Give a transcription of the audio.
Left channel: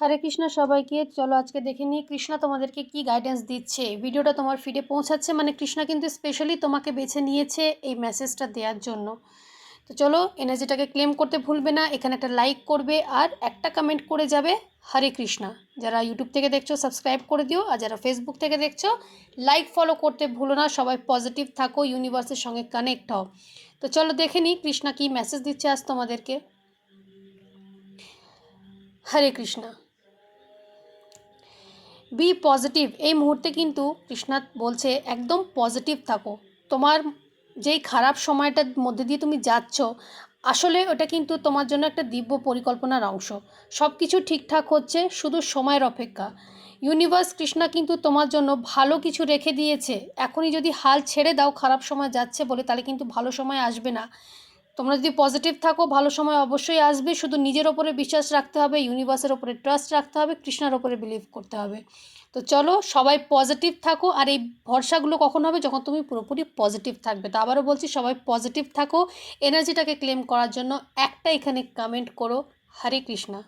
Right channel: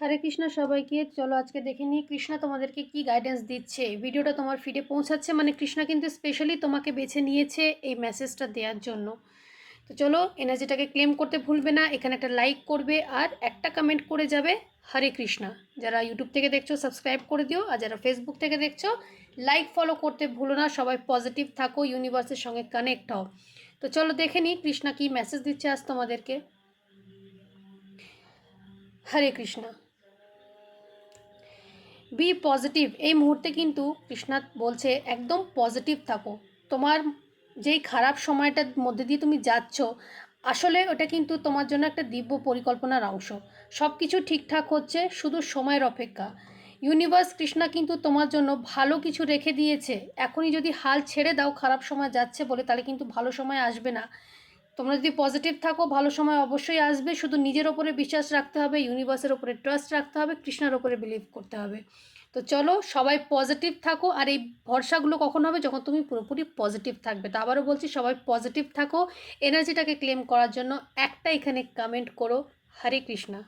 হরে কৃষ্ণ সবাইকে। চলো আজকে দেখে নিই কৃষ্ণা তোমাদেরকে কি গাইডেন্স দিচ্ছে। ভিডিওটা তোমার ফিডে পৌঁছাচ্ছে মানে কৃষ্ণা কিন্তু স্পেশালি তোমাকে বেছে নিয়েছে এই মেসেজটা দেওয়ার জন্য। তো চলো এনার্জিটাকে ক্লেম করতে ভুলবে না, এখানে একটা লাইক করবে আর একটা কমেন্ট করে যাবে হরে কৃষ্ণা। যারা ইউটিউব থেকে দেখছো সাবস্ক্রাইব করে দিও, আর যারা ফেসবুক থেকে দেখছো লাইক ফলো করতে ভুলো না। সবাই পজিটিভ থাকো, ইউনিভার্সের সঙ্গে কানেক্ট হও। তো চলো দেখে নিই কৃষ্ণা কি মেসেজ দিচ্ছে আজ তোমাদেরকে। হরে কৃষ্ণা। Be positive. এই মুহূর্তে কিন্তু কৃষ্ণা বলছে একদম পজিটিভ থাকো। তোমার যেই খারাপ সময়টার মধ্যে দিয়ে তুমি যাচ্ছ, আসলে ওটা কিন্তু তোমার জন্য একটা দিব্য পরিকল্পনার অংশ। সব কিছু ঠিকঠাক হচ্ছে, শুধু সময়ের অপেক্ষা। ইউনিভার্স কৃষ্ণা কিন্তু তোমার জন্য ভালো কিছু রেখে দিয়েছে। এখনই যদি হাল ছেড়ে দাও খারাপ সময় যাচ্ছে বলে, তাহলে কিন্তু ভালো সময় আসবে না। তোমরা যদি পজিটিভ থাকো ভালো সময় অবশ্যই আসবে। শুধু নিজের ওপরে বিশ্বাস রাখতে হবে, ইউনিভার্সের ওপরে ট্রাস্ট রাখতে হবে, কৃষ্ণার ওপরে বিলিভ করতে হবে। তো চলো সবাই পজিটিভ থাকো। আর এই ভরসাগুলো কখন হবে? যখন তুমি পুরোপুরি পজিটিভ থাকবে। তো আবারও বলছি, সবাই পজিটিভ থাকো। এনার্জিটাকে ক্লেম করার জন্য একটা এখানে কমেন্ট করো হরে কৃষ্ণা।